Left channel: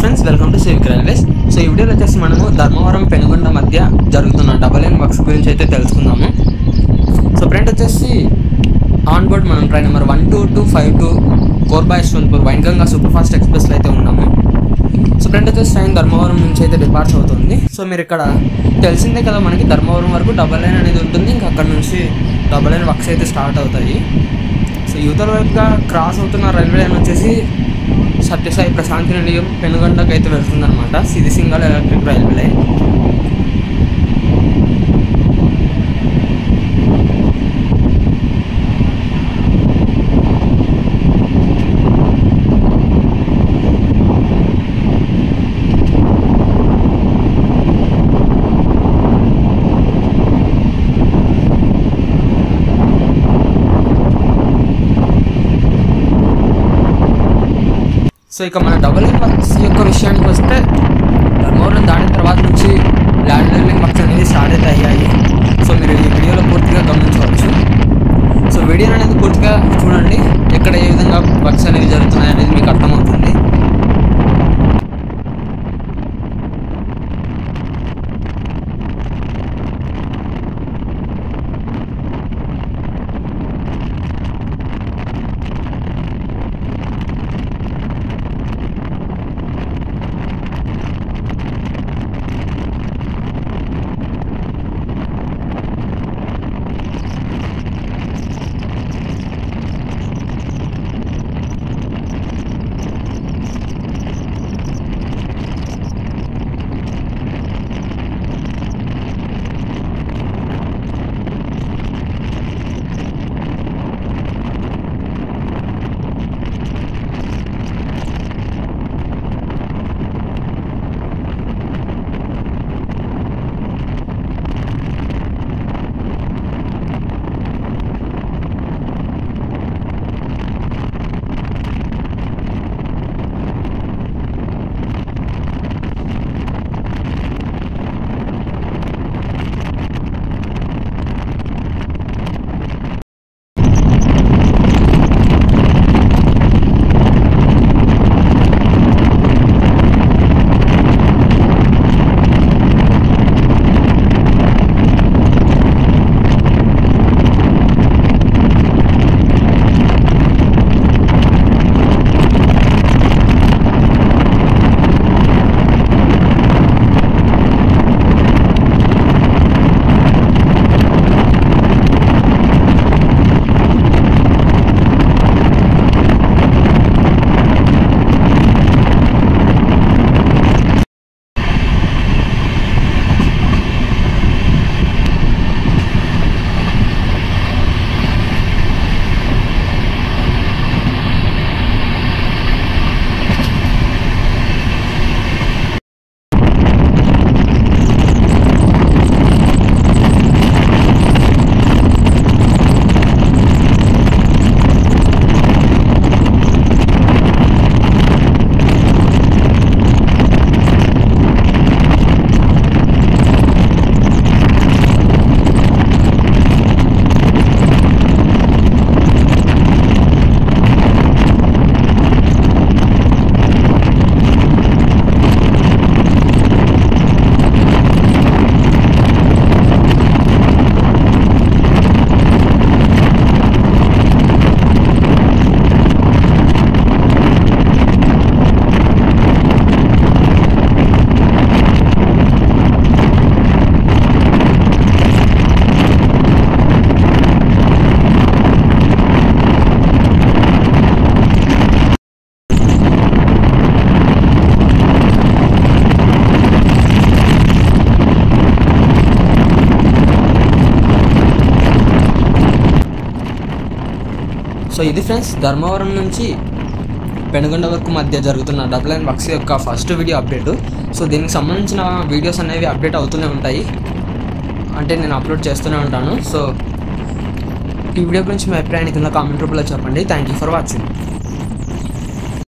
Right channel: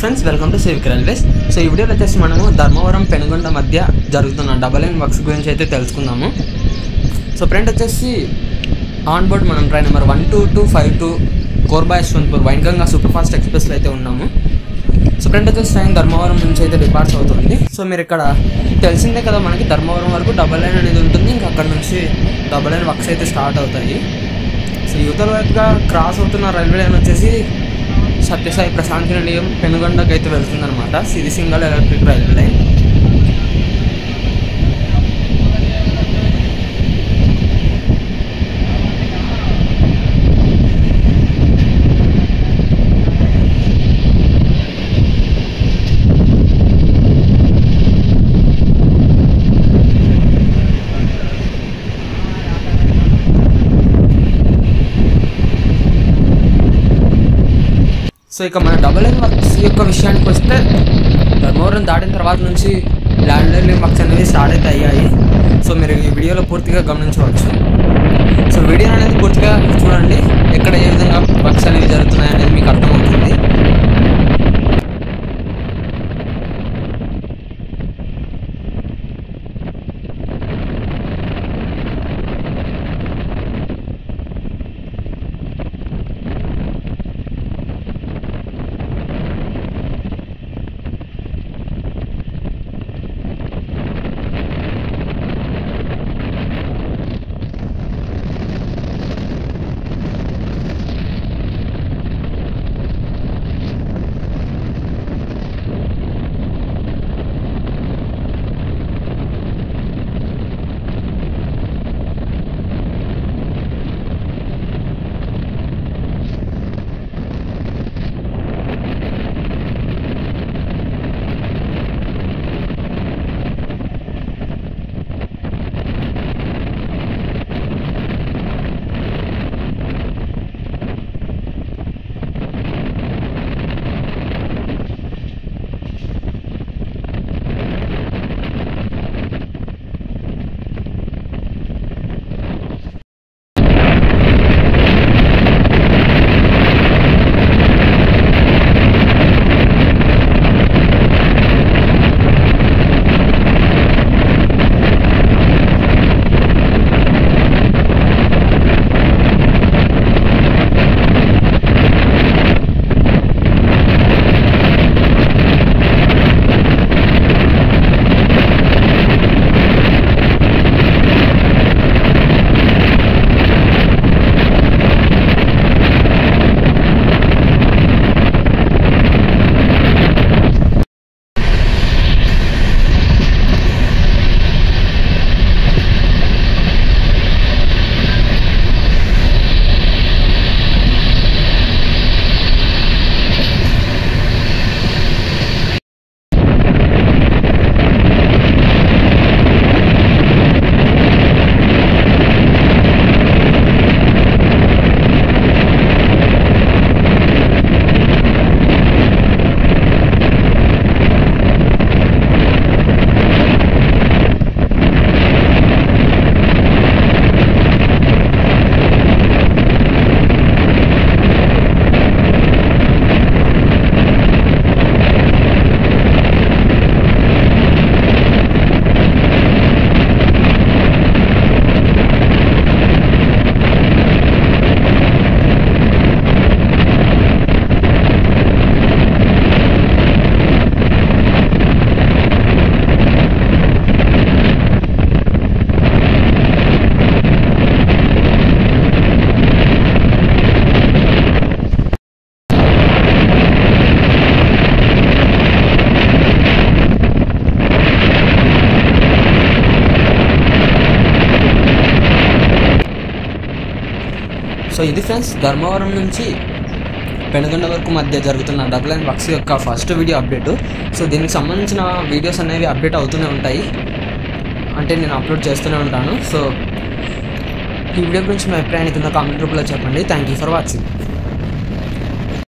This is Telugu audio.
Friends, welcome to civic railways. So ఈ వీడియోలో వచ్చేసి మనము ధర్మవరం పెనుగొండ మధ్య జరుగుతున్న డబల్ లైన్ వర్క్స్ గురించి అయితే తెలుసుకుందాము. సో ఫ్రెండ్ వచ్చేసి ఆన్ బోర్డ్ మనం train number 12252 Korba Yesvantpur Wainganga super fast ఎక్స్ప్రెస్లో అయితే ఉన్నాము. సో ఫ్రెండ్ వచ్చేసి ట్రైన్ ధర్మవరం నుంచి అయితే డిపార్ట్స్ అవుతుంది. సో మీరు ఇక్కడ తెలిసిందే కదా, మనకి ధర్మవరం వరకు డబల్ లైన్ అనేది ఉంటుంది. ఇంకా అక్కడ నుంచి డబల్ లైన్ వర్క్స్ అయితే స్టార్ట్ అవుతాయి. సో యువతల వైపుగా క్రాస్ అవుతున్న రైల్వే లైన్ వచ్చేసి సత్యసాయి ప్రశాంతి నిలయం పెనుగొండకు అయితే వెళ్తుందన్నమాట. ఇది single electric railway line. So ఇక మన డబల్ లైన్ వర్క్స్ యొక్క విషయానికి వస్తే, ధర్మవరం దాటిన తర్వాత నుంచి ల్యాండ్ లైన్ వర్క్స్ అనేవి స్టార్ట్ అయితే అయ్యాయి. సో మీరు ఈ వీడియోలో పూర్తిగా గమనించవచ్చు. సో వీడియో అనేది పూర్తిగా చూడండి, ఎక్కడ ఏ విధంగా వర్క్స్ అనేవి జరుగుతున్నాయి అనేది మీకు అర్థమవుతుంది. సో ఇది ఫ్రెండ్స్, ధర్మవరం నుంచి పెనుగొండ వరకు మధ్య జరుగుతున్న డబల్ లైన్ వర్క్స్ యొక్క ఫస్ట్ వీడియో అప్డేటు. సో దీనికి సంబంధించిన వీడియోస్ అనేవి అప్డేట్ అవుతూనే ఉంటాయి, అంటే నేను అప్లోడ్ చేస్తూనే ఉంటాను. సో ఈ వీడియో గురించి మీ అభిప్రాయాన్ని కింద కామెంట్ రూపంలో చెప్పండి. Thank you for watching.